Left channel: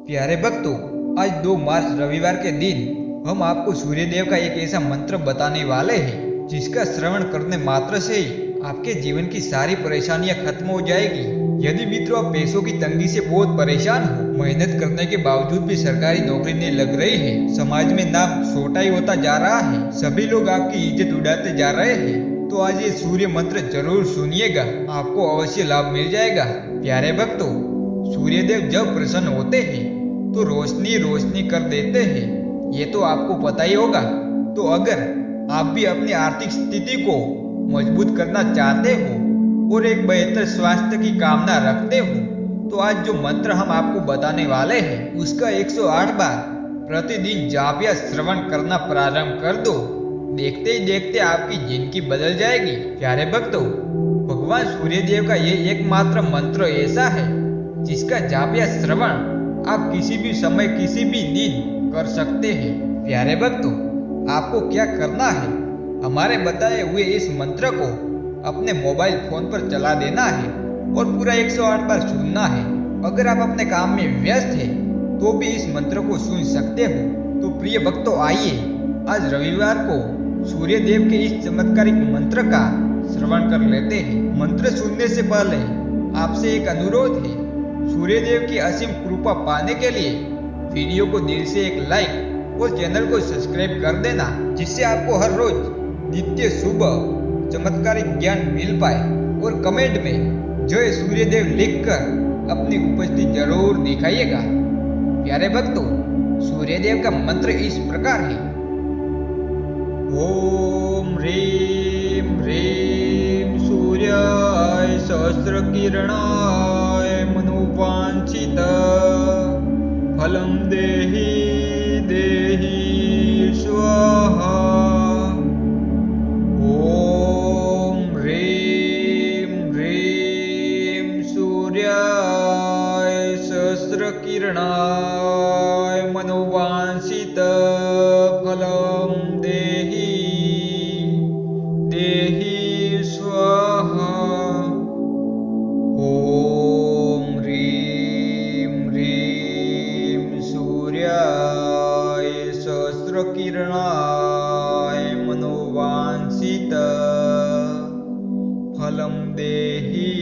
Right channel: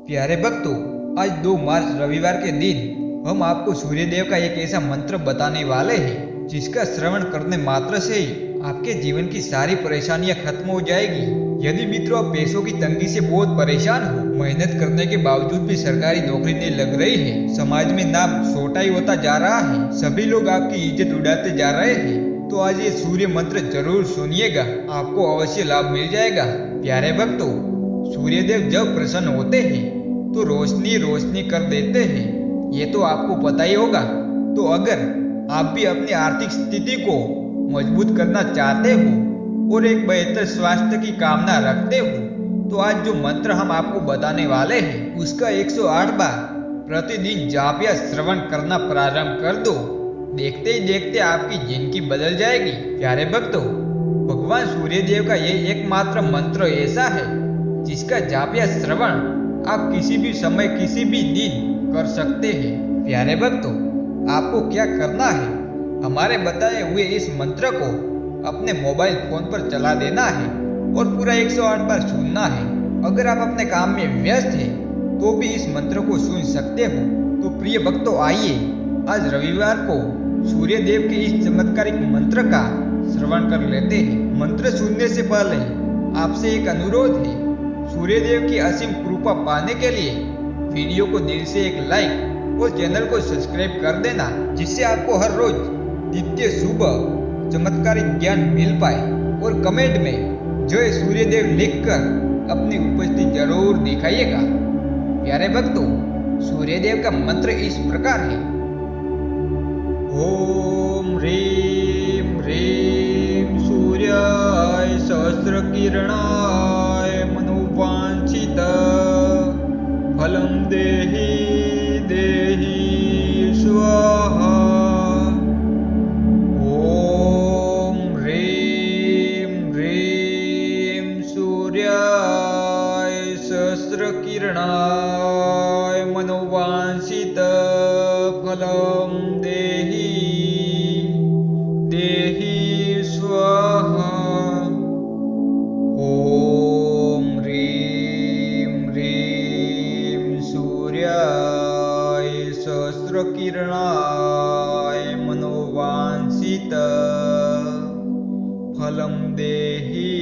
प्यारे भक्तों, आज 2 मार्च रविवार के दिन हम आपको सूर्यदेव का एक ऐसा मंत्र बताने वाले हैं जिसका श्रवण करने मात्र से ही आपके जीवन की सारी परेशानियां खत्म हो जाएगी। यदि मित्रों आप पैसों की तंगी से बहुत परेशान हो, मेहनत करने के बावजूद भी सरकारी नौकरी नहीं लग रही है, समाज में नाम छोटा ही होता जा रहा है, सभी लोग आपकी इज्जत उड़ाते जा रहे हैं, तो आज ये सूर्य मंत्र जरूर सुनिएगा, आपको अवश्य लाभ मिल जाएगा। प्यारे भक्तों, सूर्यदेव जब प्रसन्न होते हैं तो रोशनी रोशनी कर देते हैं, ये तो आपको पता ही होगा। तो अगर आप भी अपनी आर्थिक स्थिति को मजबूत करना चाहते हो और एक बेहतर स्वास्थ्य की कामना रखते हो, तो आज जो मंत्र हम आपको बताने वाले हैं उसका 108 बार प्रतिदिन जाप या श्रवण करना प्रारंभ कर दो। देखते ही देखते आपकी जिंदगी बदल जाएगी। प्यारे भक्तों, भगवान सूर्यदेव का ये एकमात्र मंत्र ऐसा है जिसका जाप या श्रवण आप किसी भी समय किसी भी दिन कर सकते हैं। प्यारे भक्तों, आपको क्या करना है, हमारे बताए हुए इस मंत्र को अपने मोबाइल फोन पर चला देना है और पूरा 108 बार सुनना है। अगर आप अपने काम में व्यस्त हैं तो भी इस मंत्र को सुन सकते हो। तो प्रिय भक्तों, आइए आज रविवार को सूर्यदेव के इस चमत्कारिक मंत्र का श्रवण कर लेते हैं। मंत्र सुनने से पहले आपसे एक अनुरोध है, सूर्यदेव की असीम कृपा पाने के लिए वीडियो को दिल से एक लाइक और चैनल को सब्सक्राइब कर देना, जिससे आपको हर रोज नित्य शुभ चमत्कारिक ज्ञान मिल पाए। और कमेंट में जय सूर्यदेव लिखकर अपनी उपस्थिति जरूर दिखाइएगा। प्यारे भक्तों, सूर्यदेव का मंत्र इस प्रकार है। ओम ह्रीं ह्रीं सूर्याय सहस्रकिरणाय मनोवांछित फलं देहि देहि स्वाहा। ओम ह्रीं ह्रीं सूर्याय सहस्रकिरणाय मनोवांछित फलं देहि देहि स्वाहा। ओम ह्रीं ह्रीं सूर्याय सहस्रकिरणाय मनोवांछित फलं देहि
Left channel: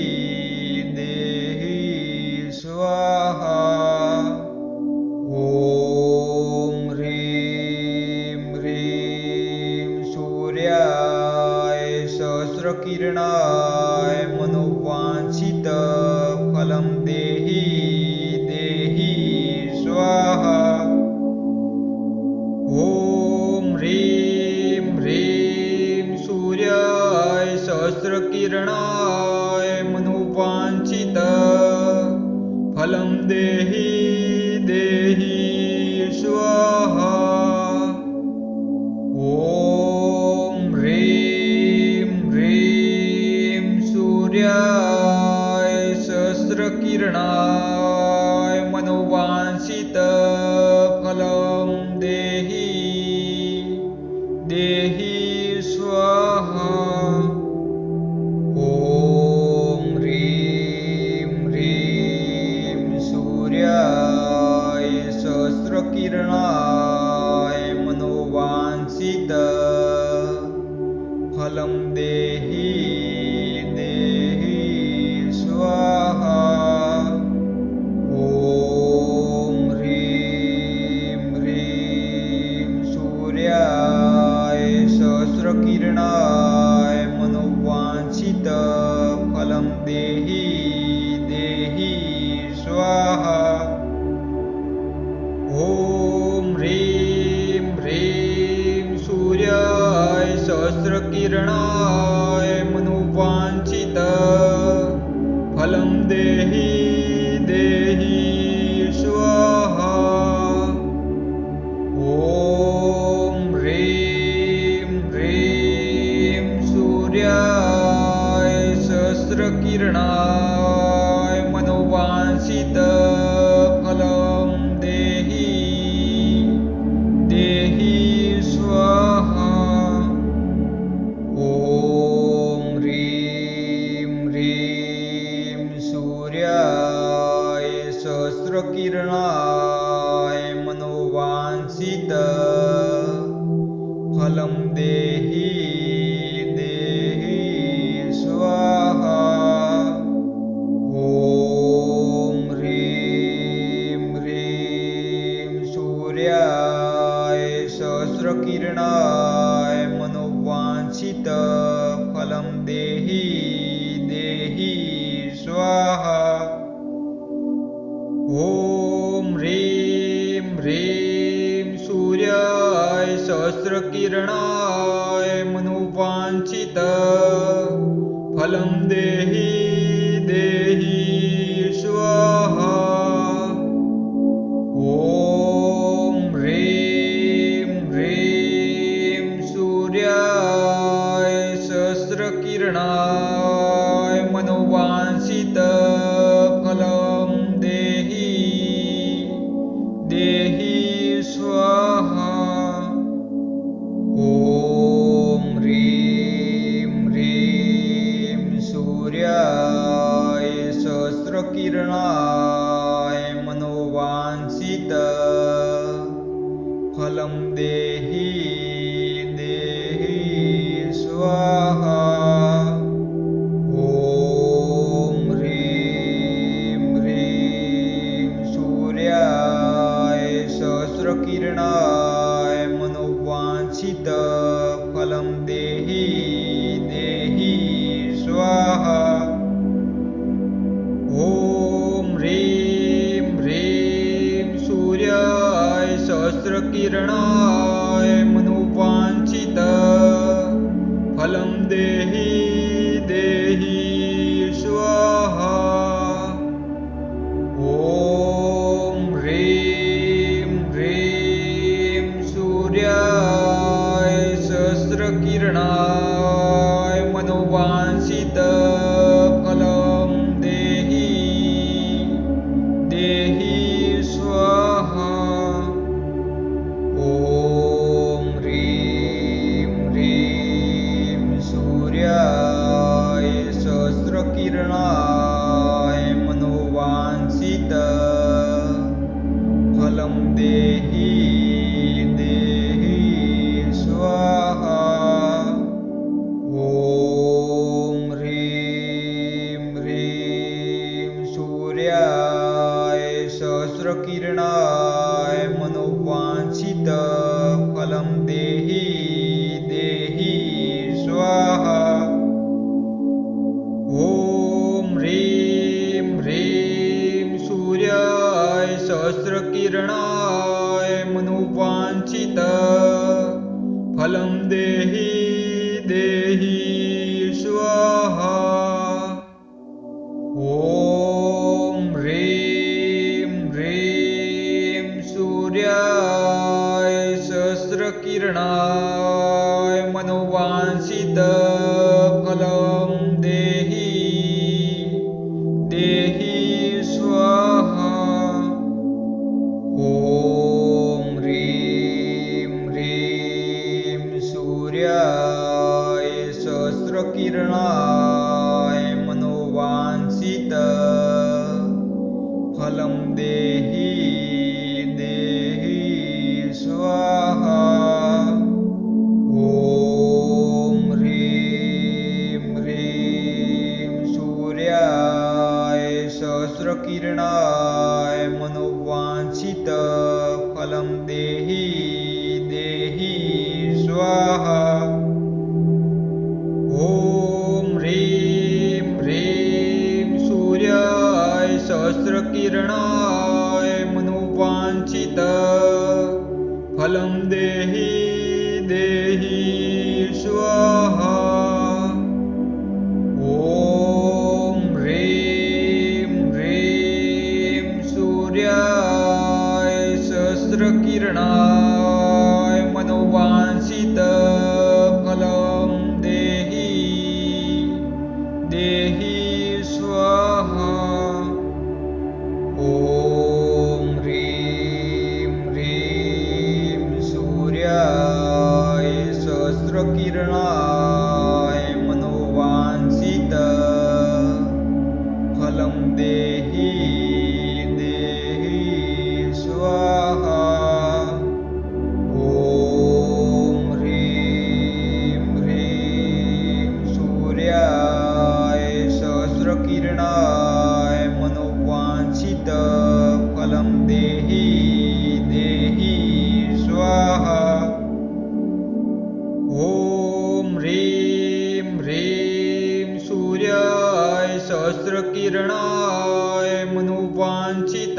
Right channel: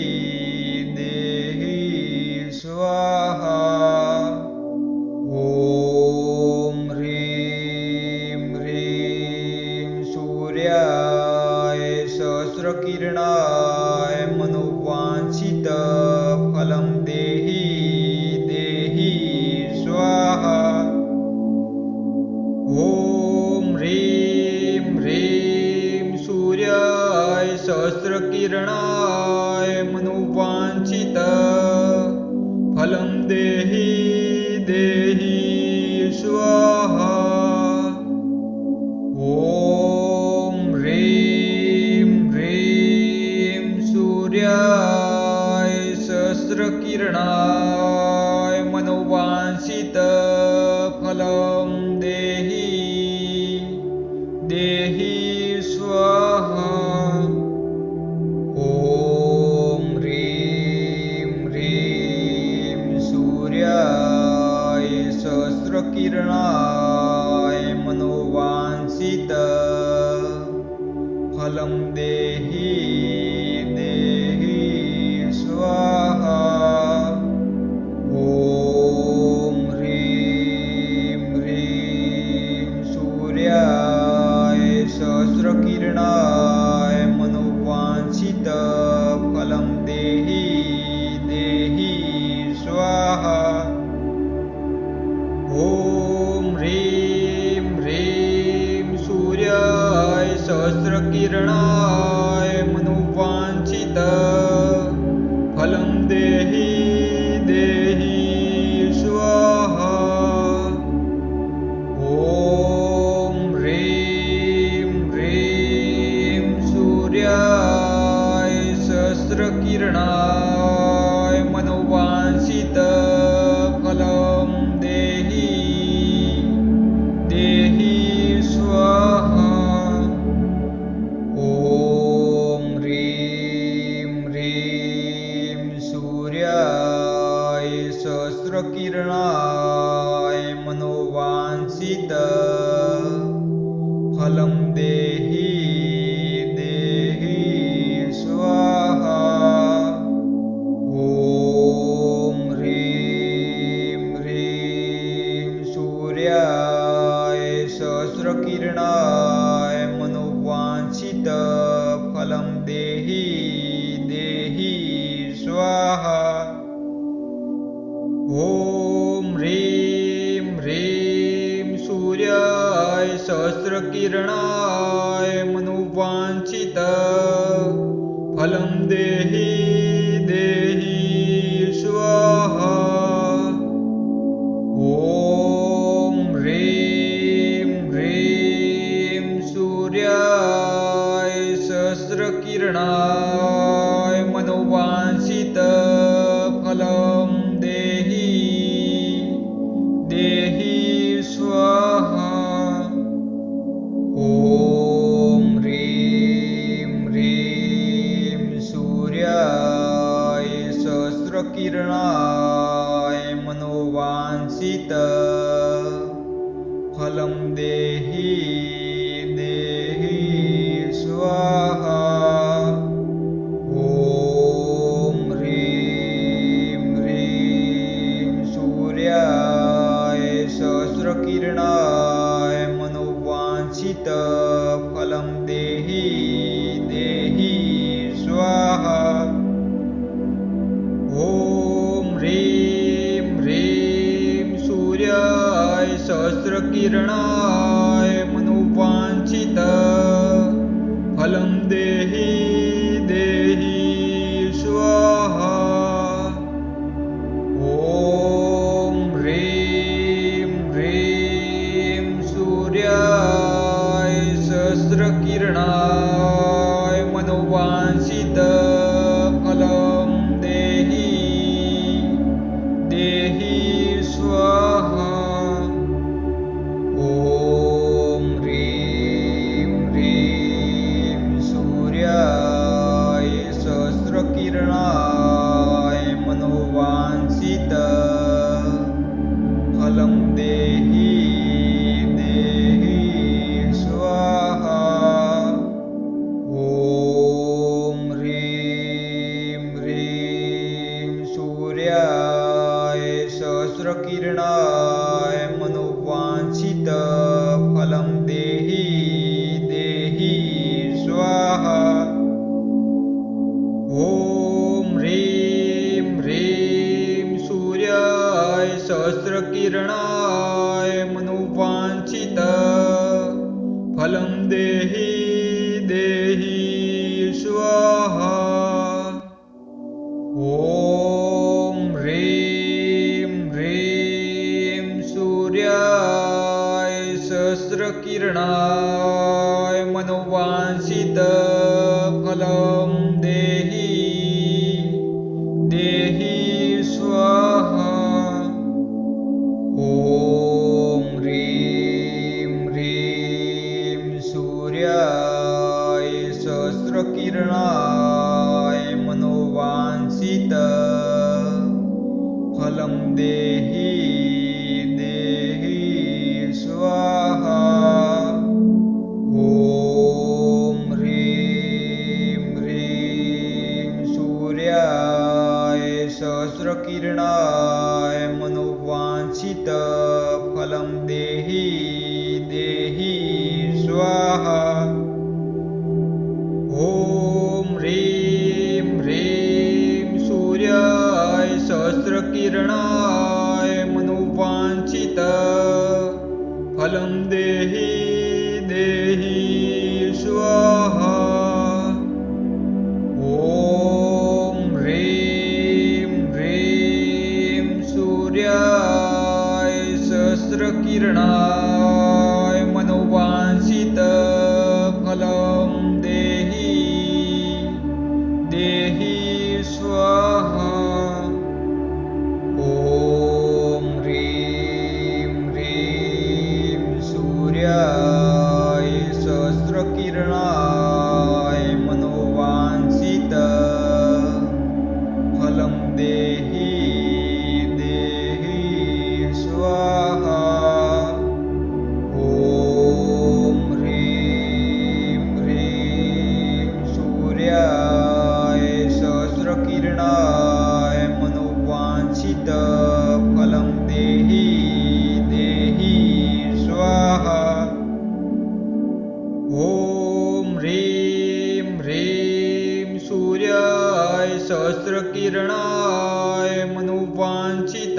देहि स्वाहा। ओम ह्रीं ह्रीं सूर्याय सहस्रकिरणाय मनोवांछित फलं देहि देहि स्वाहा। ओम ह्रीं ह्रीं सूर्याय सहस्रकिरणाय मनोवांछित फलं देहि देहि स्वाहा। ओम ह्रीं ह्रीं सूर्याय सहस्रकिरणाय मनोवांछित फलं देहि देहि स्वाहा। ओम ह्रीं ह्रीं सूर्याय सहस्रकिरणाय मनोवांछित फलं देहि देहि स्वाहा। ओम ह्रीं ह्रीं सूर्याय सहस्रकिरणाय मनोवांछित फलं देहि देहि स्वाहा। ओम ह्रीं ह्रीं सूर्याय सहस्रकिरणाय मनोवांछित फलं देहि देहि स्वाहा। ओम ह्रीं ह्रीं सूर्याय सहस्रकिरणाय मनोवांछित फलं देहि देहि स्वाहा। ओम ह्रीं ह्रीं सूर्याय सहस्रकिरणाय मनोवांछित फलं देहि देहि स्वाहा। ॐ ह्रीं ह्रीं सूर्याय सहस्रकिरणाय मनोवांछित फलं देहि देहि स्वाहा। ॐ ह्रीं ह्रीं सूर्याय सहस्रकिरणाय मनोवांछित फलं देहि देहि स्वाहा। ॐ ह्रीं ह्रीं सूर्याय सहस्रकिरणाय मनोवांछित फलं देहि देहि स्वाहा। ॐ ह्रीं ह्रीं सूर्याय सहस्रकिरणाय मनोवांछित फलं देहि देहि स्वाहा। ॐ ह्रीं ह्रीं सूर्याय सहस्रकिरणाय मनोवांछित फलं देहि देहि स्वाहा। ॐ ह्रीं ह्रीं सूर्याय सहस्रकिरणाय मनोवांछित फलं देहि देहि स्वाहा। ॐ ह्रीं ह्रीं सूर्याय सहस्रकिरणाय मनोवांछित फलं देहि देहि स्वाहा। ॐ ह्रीं ह्रीं सूर्याय सहस्रकिरणाय मनोवांछित फलं देहि देहि स्वाहा। ॐ ह्रीं ह्रीं सूर्याय सहस्रकिरणाय मनोवांछित फलं देहि देहि स्वाहा। ॐ ह्रीं ह्रीं सूर्याय सहस्रकिरणाय मनोवांछित फलं देहि देहि स्वाहा। ॐ ह्रीं ह्रीं सूर्याय सहस्रकिरणाय मनोवांछित फलं देहि देहि स्वाहा। ॐ ह्रीं ह्रीं सूर्याय सहस्रकिरणाय मनोवांछित फलं देहि देहि स्वाहा। ॐ ह्रीं ह्रीं सूर्याय सहस्रकिरणाय मनोवांछित फलं देहि देहि स्वाहा। ॐ ह्रीं ह्रीं सूर्याय सहस्रकिरणाय मनोवांछित फलं देहि देहि स्वाहा। ॐ ह्रीं ह्रीं सूर्याय सहस्रकिरणाय मनोवांछित फलं देहि देहि स्वाहा। ॐ ह्रीं ह्रीं सूर्याय सहस्रकिरणाय मनोवांछित फलं देहि देहि फलं देहि देहि स्वाहा। ॐ ह्रीं ह्रीं सूर्याय सहस्रकिरणाय मनोवाञ्छित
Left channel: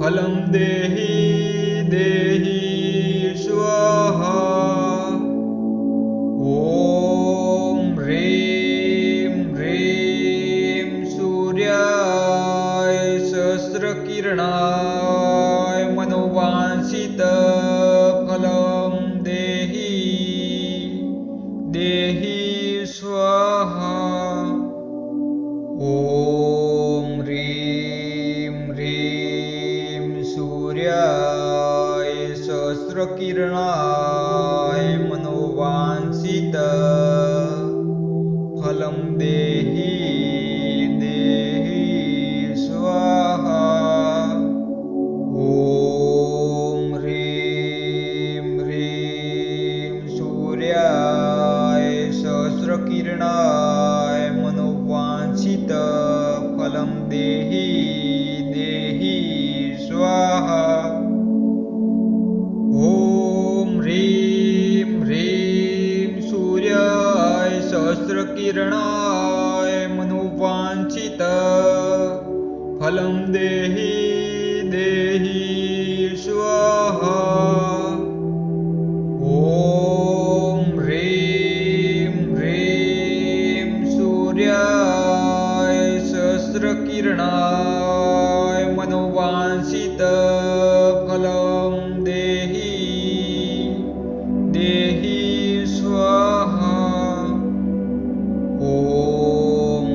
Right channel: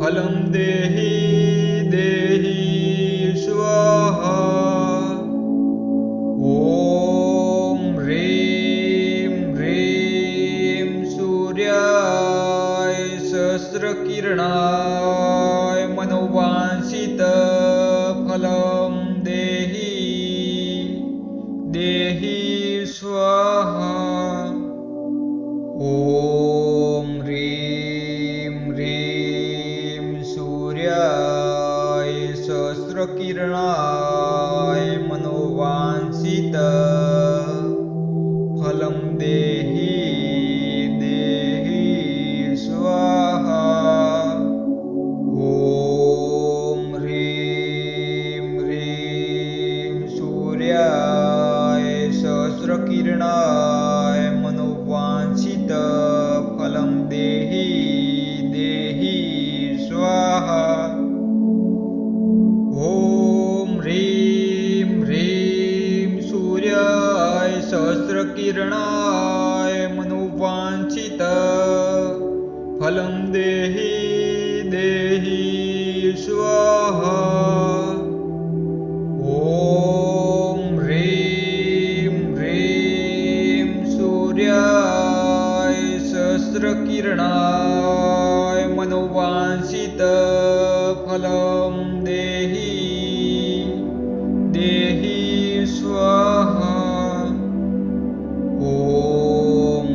फलं देहि देहि स्वाहा। ॐ ह्रीं ह्रीं सूर्याय सहस्रकिरणाय मनोवाञ्छित फलं देहि देहि स्वाहा। ॐ ह्रीं ह्रीं सूर्याय सहस्रकिरणाय मनोवाञ्छित फलं देहि देहि स्वाहा। ॐ ह्रीं ह्रीं सूर्याय सहस्रकिरणाय मनोवाञ्छित फलं देहि देहि स्वाहा। ॐ ह्रीं ह्रीं सूर्याय सहस्रकिरणाय मनोवाञ्छित फलं देहि देहि स्वाहा। ॐ ह्रीं ह्रीं सूर्याय सहस्रकिरणाय मनोवाञ्छित फलं देहि देहि स्वाहा। ॐ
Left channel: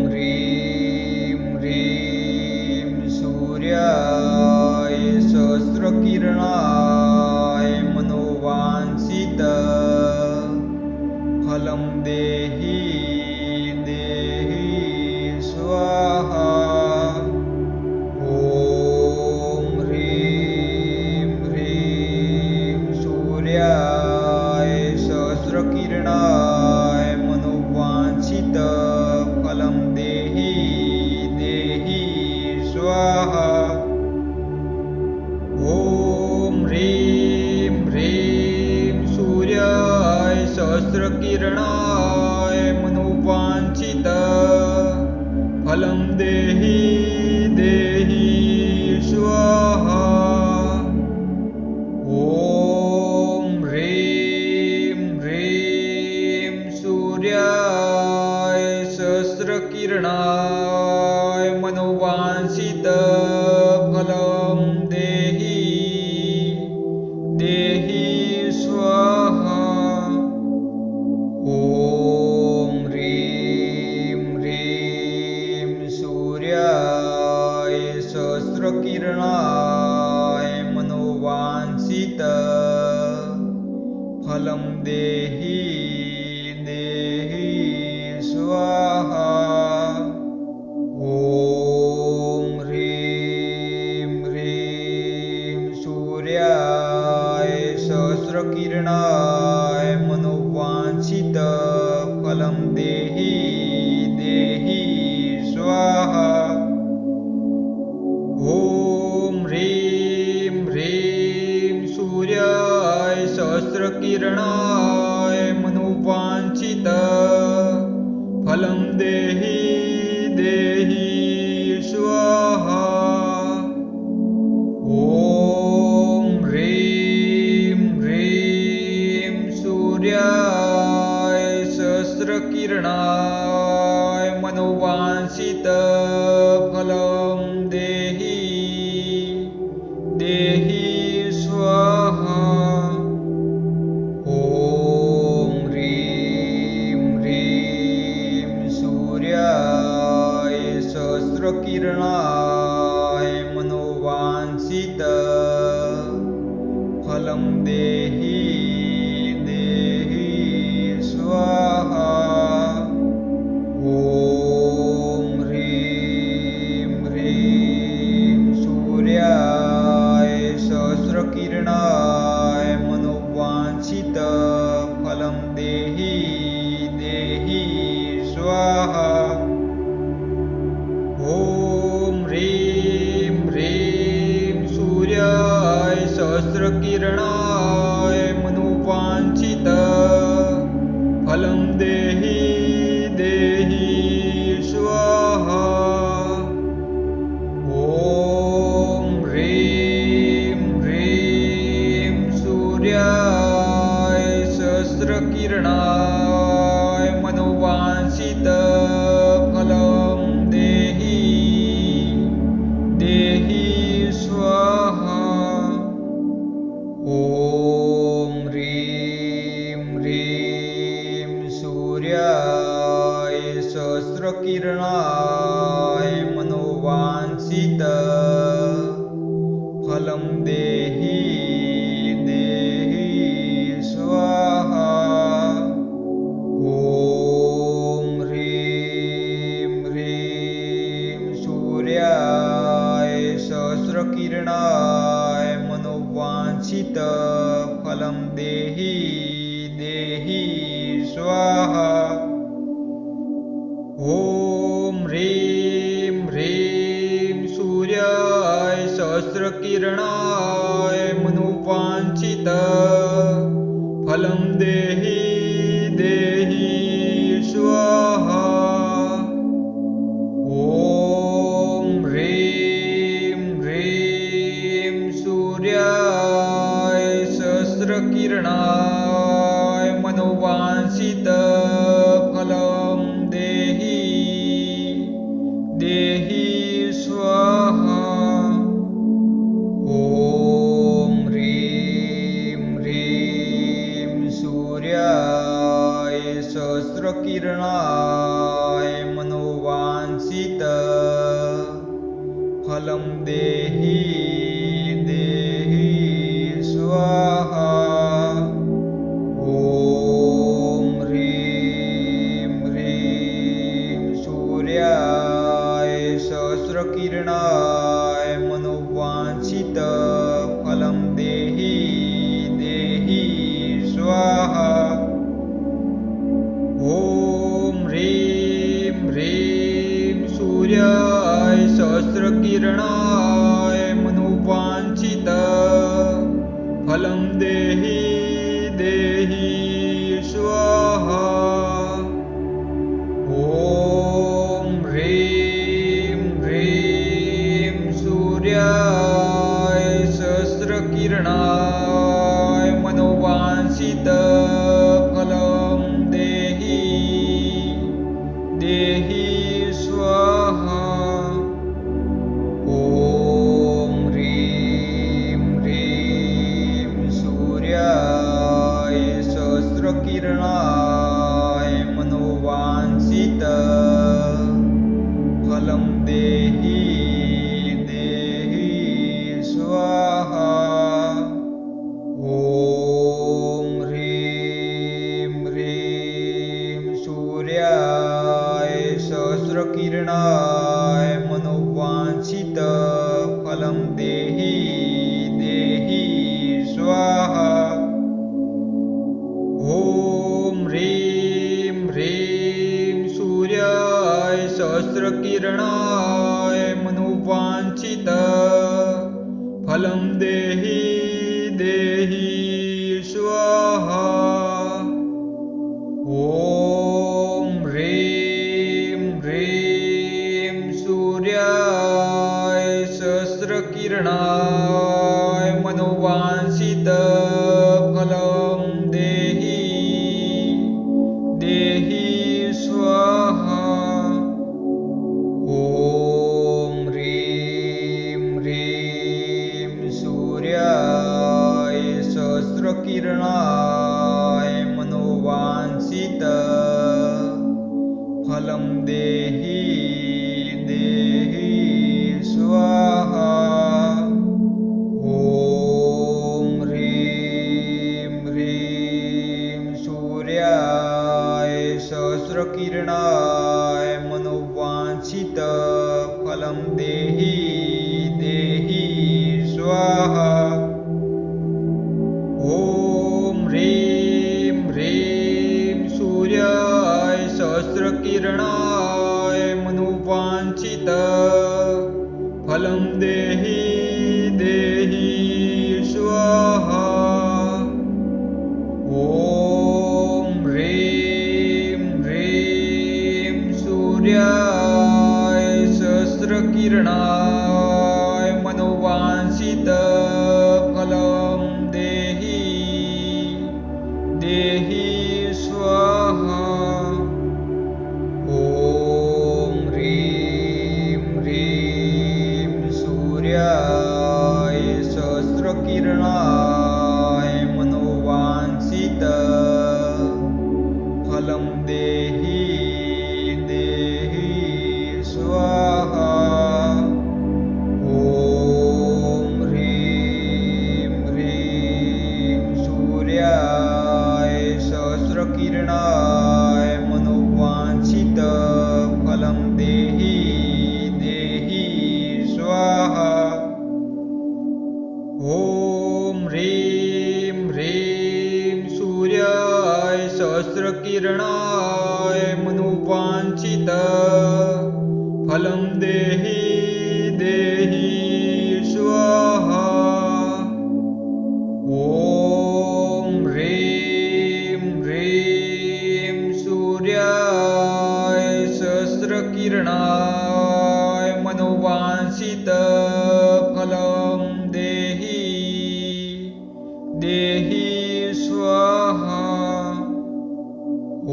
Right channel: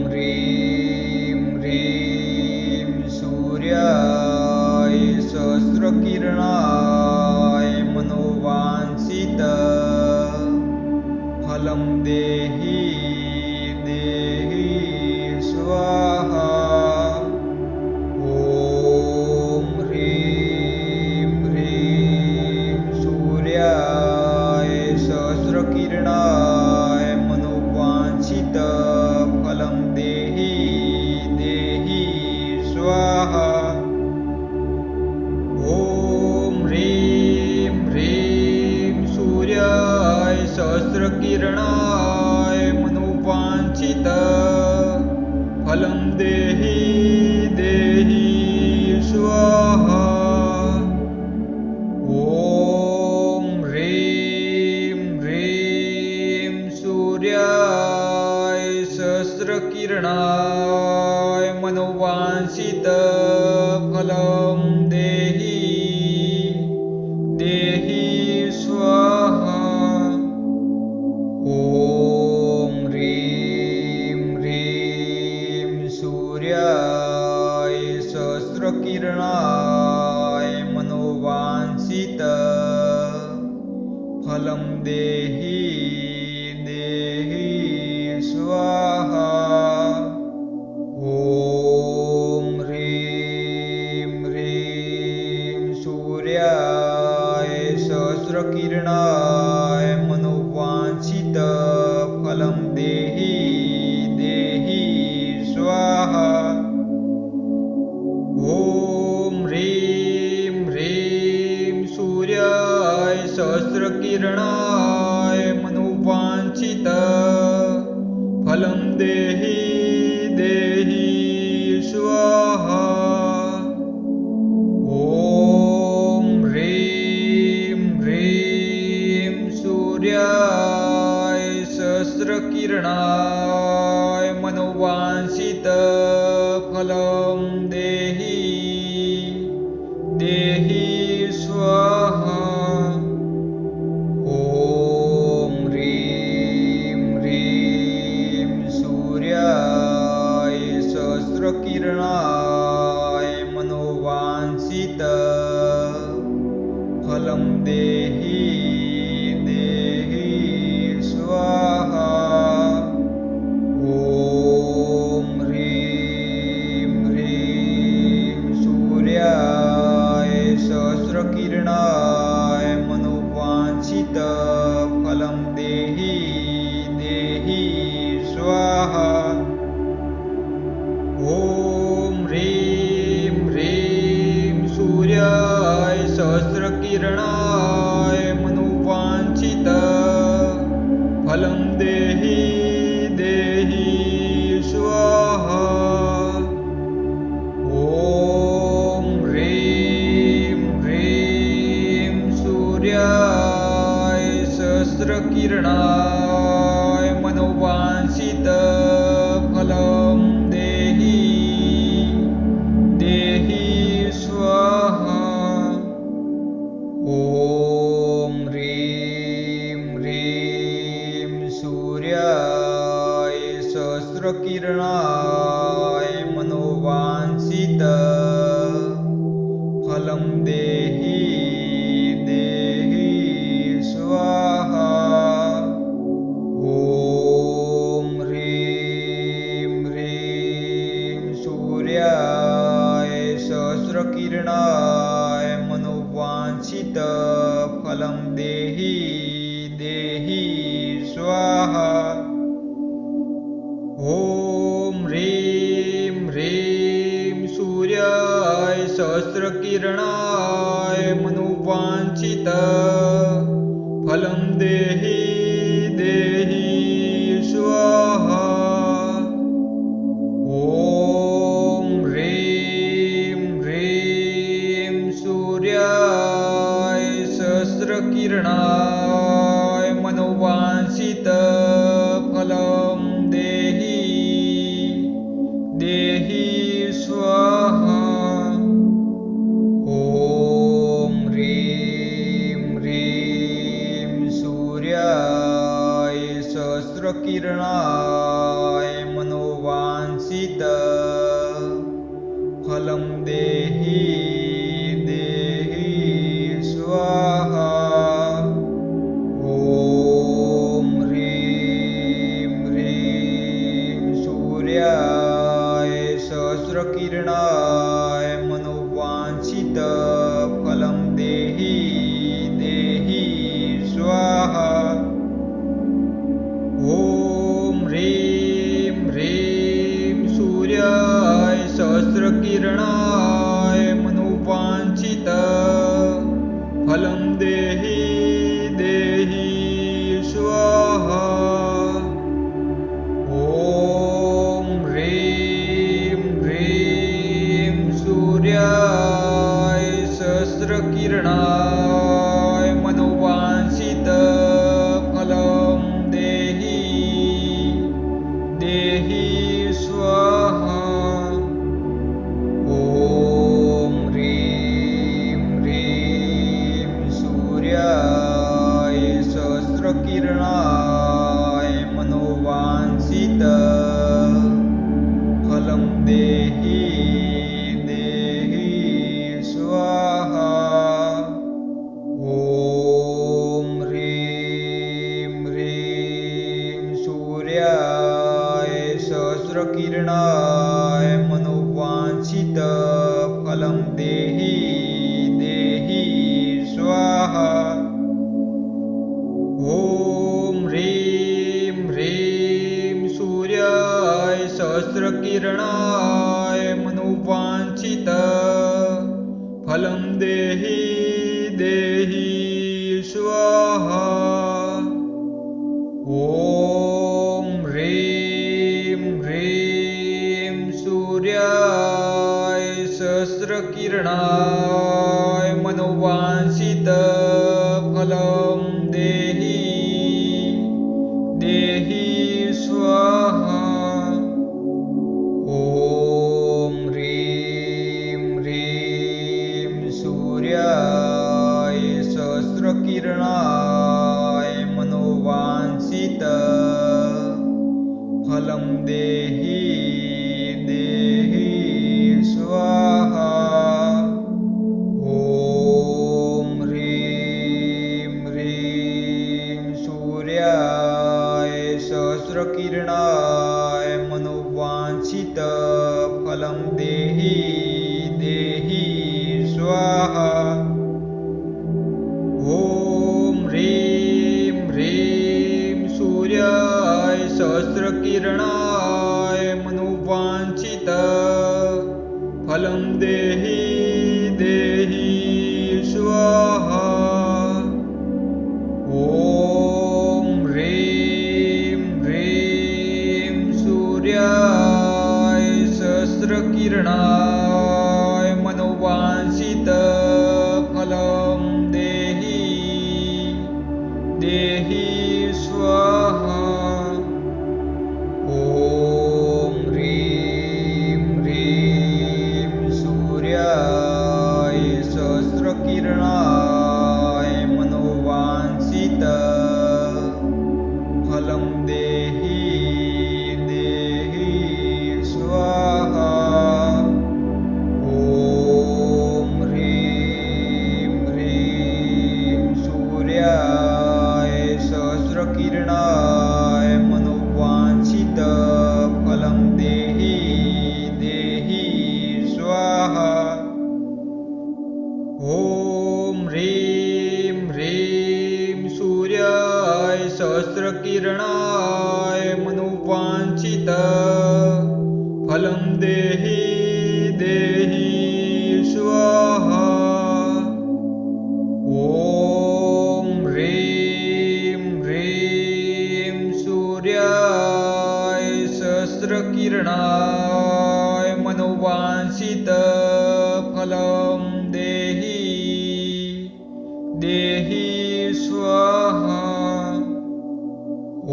ह्रीं ह्रीं सूर्याय सहस्रकिरणाय मनोवाञ्छित फलं देहि देहि स्वाहा। ॐ ह्रीं ह्रीं सूर्याय सहस्रकिरणाय मनोवाञ्छित फलं देहि देहि स्वाहा। ॐ ह्रीं ह्रीं सूर्याय सहस्रकिरणाय मनोवाञ्छित फलं देहि देहि स्वाहा। ॐ ह्रीं ह्रीं सूर्याय सहस्रकिरणाय मनोवाञ्छित फलं देहि देहि स्वाहा। ॐ ह्रीं ह्रीं सूर्याय सहस्रकिरणाय मनोवाञ्छित फलं देहि देहि स्वाहा। ॐ ह्रीं ह्रीं सूर्याय सहस्रकिरणाय मनोवाञ्छित फलं देहि देहि स्वाहा। ॐ ह्रीं ह्रीं सूर्याय सहस्रकिरणाय मनोवाञ्छित फलं देहि देहि स्वाहा। ॐ ह्रीं ह्रीं सूर्याय सहस्रकिरणाय मनोवाञ्छित फलं देहि देहि स्वाहा। ॐ ह्रीं ह्रीं सूर्याय सहस्रकिरणाय मनोवाञ्छित फलं देहि देहि स्वाहा। ॐ ह्रीं ह्रीं सूर्याय सहस्रकिरणाय मनोवाञ्छित फलं देहि देहि स्वाहा। ॐ ह्रीं ह्रीं सहस्रकिरणाय मनोवाञ्छित फलं देहि देहि स्वाहा। ॐ ह्रीं ह्रीं सूर्याय सहस्रकिरणाय मनोवाञ्छित फलं देहि देहि स्वाहा। ॐ ह्रीं ह्रीं सूर्याय सहस्रकिरणाय मनोवाञ्छित फलं देहि देहि स्वाहा। ॐ ह्रीं ह्रीं सूर्याय सहस्रकिरणाय मनोवाञ्छित फलं देहि देहि स्वाहा। ॐ ह्रीं ह्रीं सूर्याय सहस्रकिरणाय मनोवाञ्छित फलं देहि देहि स्वाहा। ॐ ह्रीं ह्रीं सूर्याय सहस्रकिरणाय मनोवाञ्छित फलं देहि देहि स्वाहा। ॐ ह्रीं ह्रीं सूर्याय सहस्रकिरणाय मनोवाञ्छित फलं देहि देहि स्वाहा। ॐ ह्रीं ह्रीं सूर्याय सहस्रकिरणाय मनोवाञ्छित फलं देहि देहि स्वाहा। ॐ ह्रीं ह्रीं सूर्याय सहस्रकिरणाय मनोवाञ्छित फलं देहि देहि स्वाहा। ॐ ह्रीं ह्रीं सूर्याय सहस्रकिरणाय मनोवाञ्छित फलं देहि देहि स्वाहा। ॐ ह्रीं ह्रीं सूर्याय सहस्रकिरणाय मनोवाञ्छित फलं देहि देहि स्वाहा। ॐ ह्रीं ह्रीं सूर्याय सहस्रकिरणाय मनोवाञ्छित फलं देहि देहि स्वाहा। ॐ ह्रीं ह्रीं सूर्याय सहस्रकिरणाय मनोवाञ्छित फलं देहि देहि स्वाहा। ॐ ह्रीं ह्रीं सूर्याय सहस्रकिरणाय मनोवाञ्छित फलं देहि देहि स्वाहा। ॐ ह्रीं ह्रीं सूर्याय सहस्रकिरणाय मनोवाञ्छित फलं देहि देहि स्वाहा। ॐ ह्रीं ह्रीं सूर्याय सहस्रकिरणाय मनोवाञ्छित फलं देहि देहि स्वाहा। ॐ ह्रीं ह्रीं सूर्याय सहस्रकिरणाय मनोवाञ्छित फलं देहि देहि स्वाहा। सहस्रकिरणाय मनोवांछितफलं देहि देहि स्वाहा। ॐ ह्रीं ह्रीं सूर्याय सहस्रकिरणाय मनोवांछितफलं देहि देहि स्वाहा। ॐ ह्रीं ह्रीं सूर्याय सहस्रकिरणाय मनोवांछितफलं देहि देहि स्वाहा। ॐ ह्रीं ह्रीं सूर्याय सहस्रकिरणाय मनोवांछितफलं देहि देहि स्वाहा। ॐ ह्रीं ह्रीं सूर्याय सहस्रकिरणाय मनोवांछितफलं देहि देहि स्वाहा।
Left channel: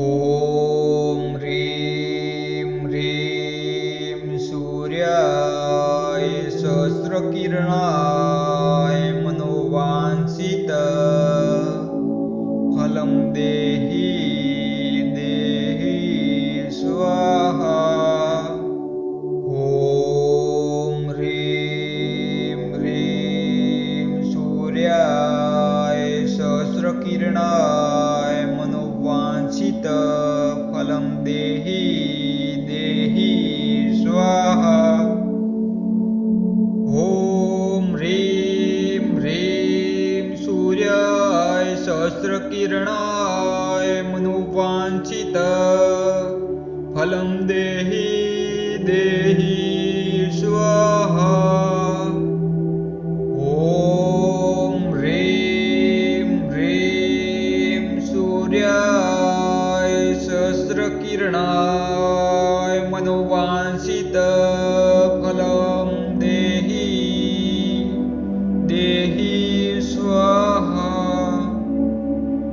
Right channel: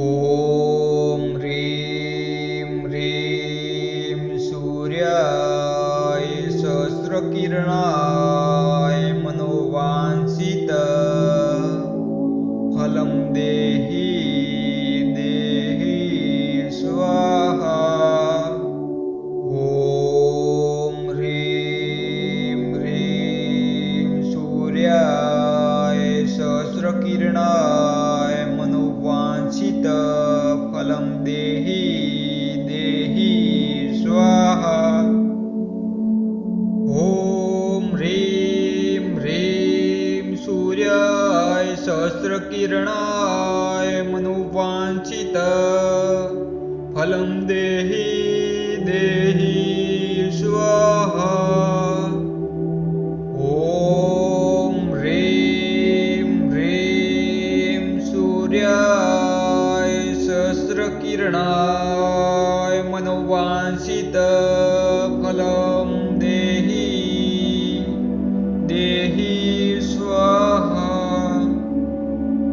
ॐ ह्रीं ह्रीं सूर्याय सहस्रकिरणाय मनोवांछितफलं देहि देहि स्वाहा। ॐ ह्रीं ह्रीं सूर्याय सहस्रकिरणाय मनोवांछितफलं देहि देहि स्वाहा। ॐ ह्रीं ह्रीं सूर्याय सहस्रकिरणाय मनोवांछितफलं देहि देहि स्वाहा। ॐ ह्रीं ह्रीं सूर्याय सहस्रकिरणाय मनोवांछितफलं देहि देहि स्वाहा। ॐ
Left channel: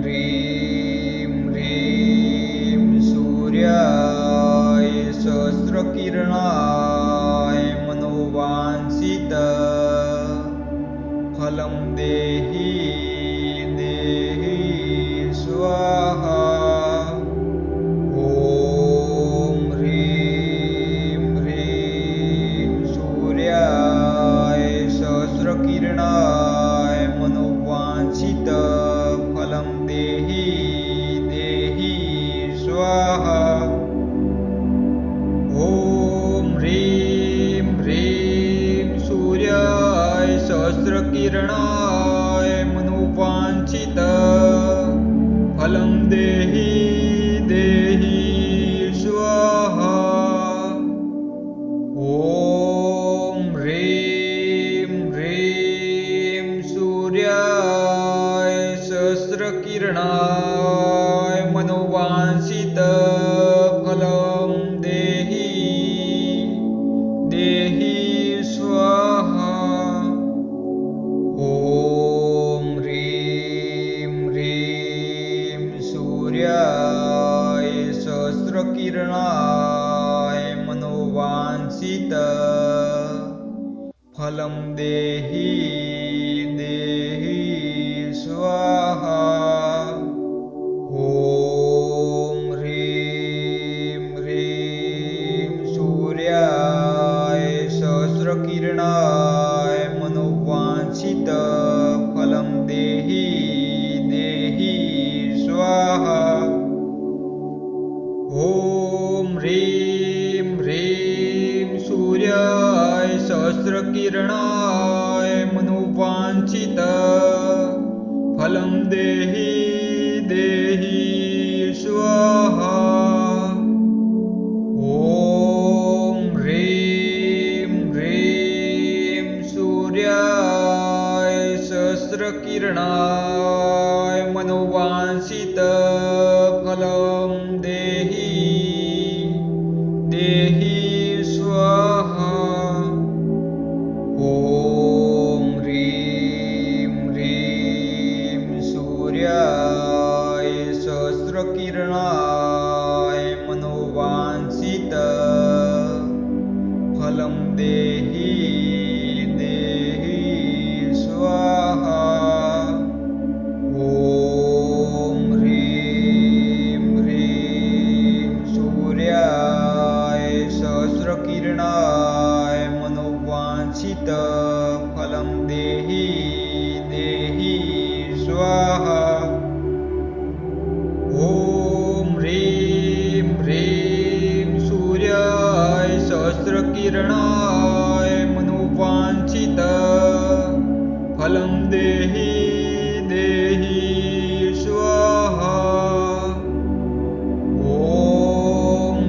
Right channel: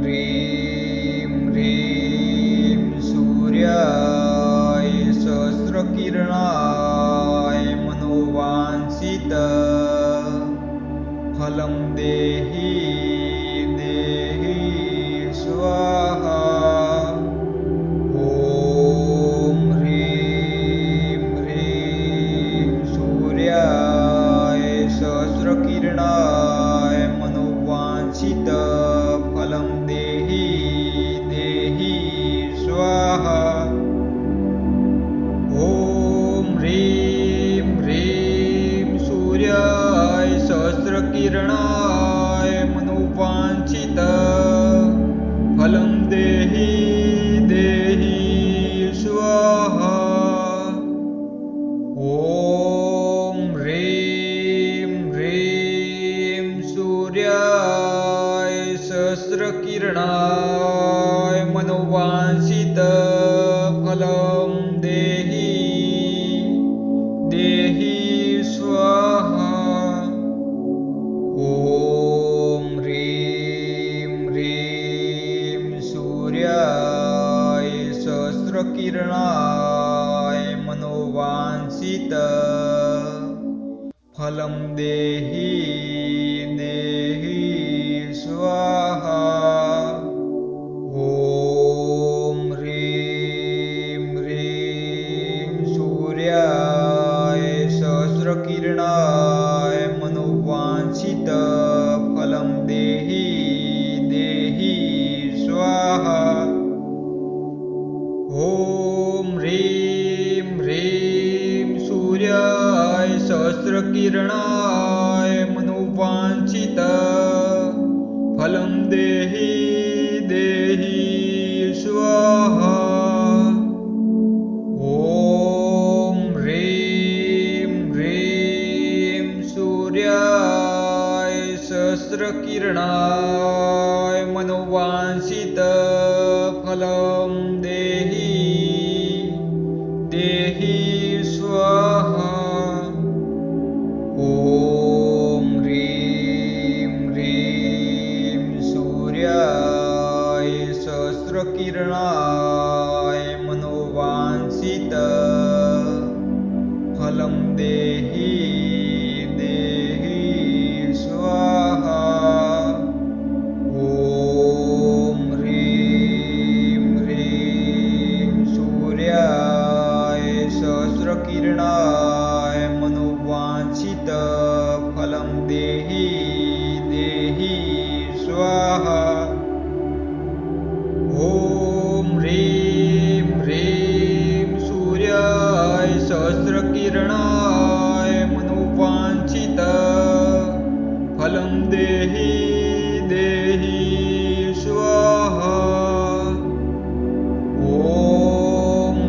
ह्रीं ह्रीं सूर्याय सहस्रकिरणाय मनोवांछितफलं देहि देहि स्वाहा। ॐ ह्रीं ह्रीं सूर्याय सहस्रकिरणाय मनोवांछितफलं देहि देहि स्वाहा। ॐ ह्रीं ह्रीं सूर्याय सहस्रकिरणाय मनोवांछितफलं देहि देहि स्वाहा। ॐ ह्रीं ह्रीं सूर्याय सहस्रकिरणाय मनोवांछितफलं देहि देहि स्वाहा। ॐ ह्रीं ह्रीं सूर्याय सहस्रकिरणाय मनोवांछितफलं देहि देहि स्वाहा। ॐ ह्रीं ह्रीं सूर्याय सहस्रकिरणाय मनोवांछितफलं देहि देहि स्वाहा। ॐ ह्रीं ह्रीं सूर्याय सहस्रकिरणाय मनोवांछितफलं देहि देहि स्वाहा। ॐ ह्रीं ह्रीं सूर्याय सहस्रकिरणाय मनोवांछितफलं देहि देहि स्वाहा। ॐ ह्रीं ह्रीं सूर्याय सहस्रकिरणाय मनोवाञ्छित फलं देहि देहि स्वाहा। ॐ ह्रीं ह्रीं सूर्याय सहस्रकिरणाय मनोवाञ्छित फलं देहि देहि स्वाहा। ॐ ह्रीं ह्रीं सूर्याय सहस्रकिरणाय मनोवाञ्छित फलं देहि देहि स्वाहा। ॐ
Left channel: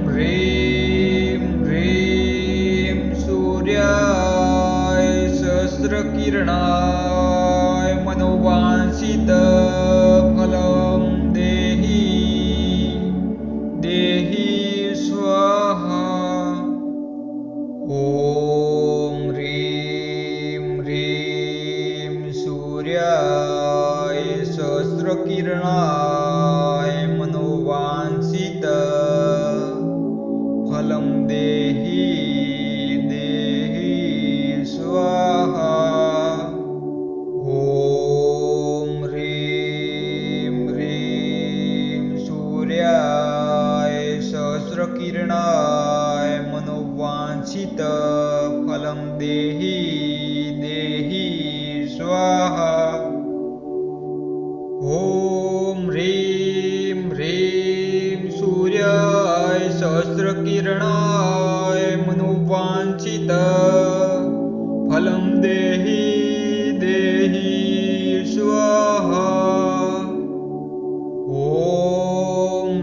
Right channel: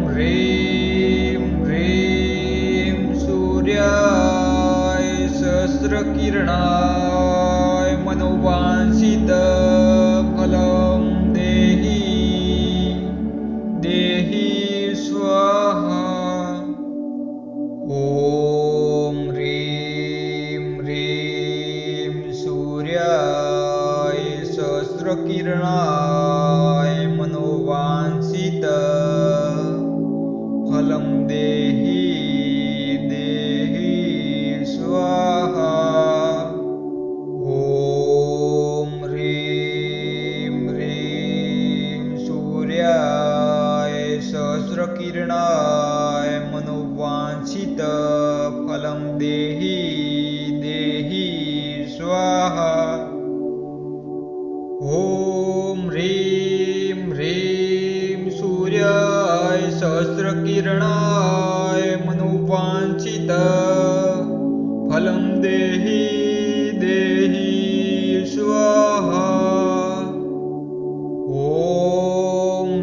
ह्रीं ह्रीं सूर्याय सहस्रकिरणाय मनोवाञ्छित फलं देहि देहि स्वाहा। ॐ ह्रीं ह्रीं सूर्याय सहस्रकिरणाय मनोवाञ्छित फलं देहि देहि स्वाहा। ॐ ह्रीं ह्रीं सूर्याय सहस्रकिरणाय मनोवाञ्छित फलं देहि देहि स्वाहा। ॐ ह्रीं ह्रीं सूर्याय सहस्रकिरणाय मनोवाञ्छित फलं देहि देहि स्वाहा। ॐ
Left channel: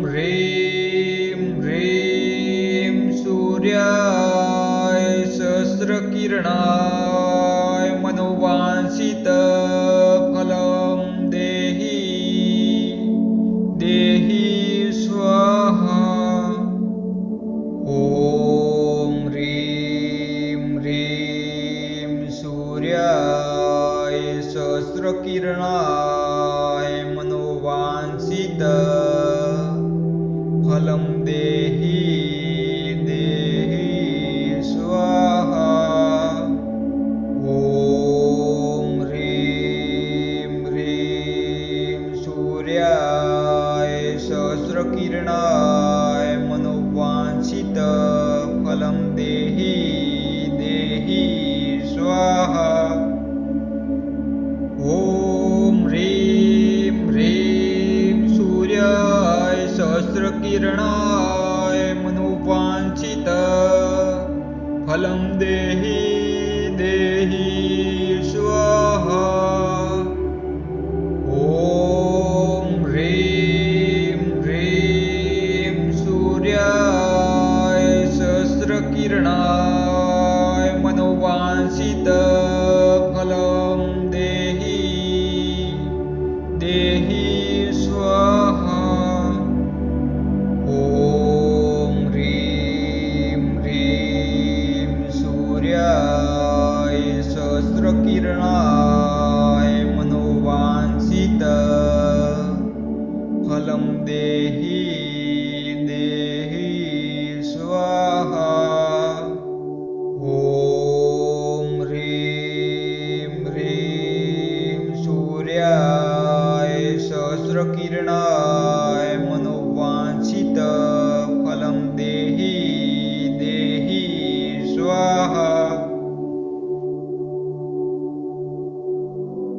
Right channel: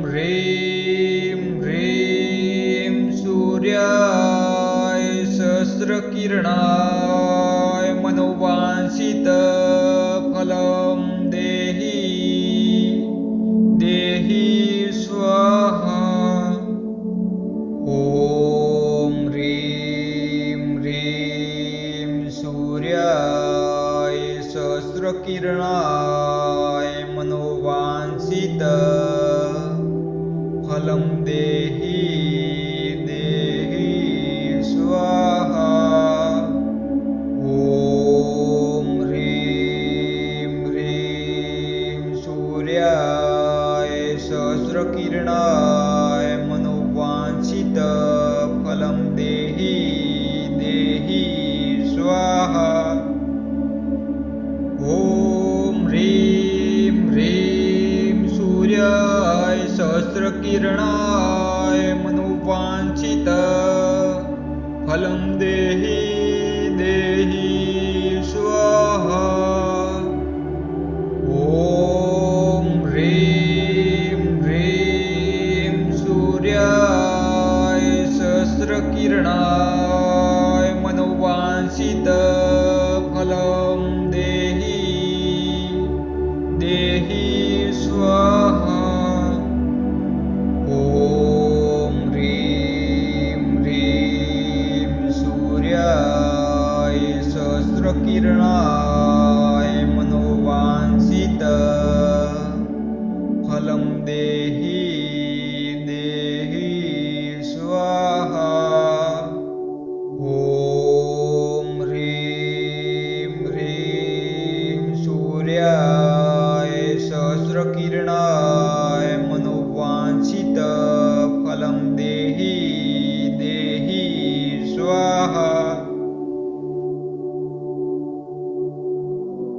ह्रीं ह्रीं सूर्याय सहस्रकिरणाय मनोवाञ्छित फलं देहि देहि स्वाहा। ॐ ह्रीं ह्रीं सूर्याय सहस्रकिरणाय मनोवाञ्छित फलं देहि देहि स्वाहा। ॐ ह्रीं ह्रीं सूर्याय सहस्रकिरणाय मनोवाञ्छित फलं देहि देहि स्वाहा। ॐ ह्रीं ह्रीं सूर्याय सहस्रकिरणाय मनोवाञ्छित फलं देहि देहि स्वाहा। ॐ ह्रीं ह्रीं सूर्याय सहस्रकिरणाय मनोवाञ्छित फलं देहि देहि स्वाहा। ॐ ह्रीं ह्रीं सूर्याय सहस्रकिरणाय मनोवाञ्छित फलं देहि देहि स्वाहा। ॐ ह्रीं ह्रीं सूर्याय सहस्रकिरणाय मनोवाञ्छित फलं देहि देहि स्वाहा।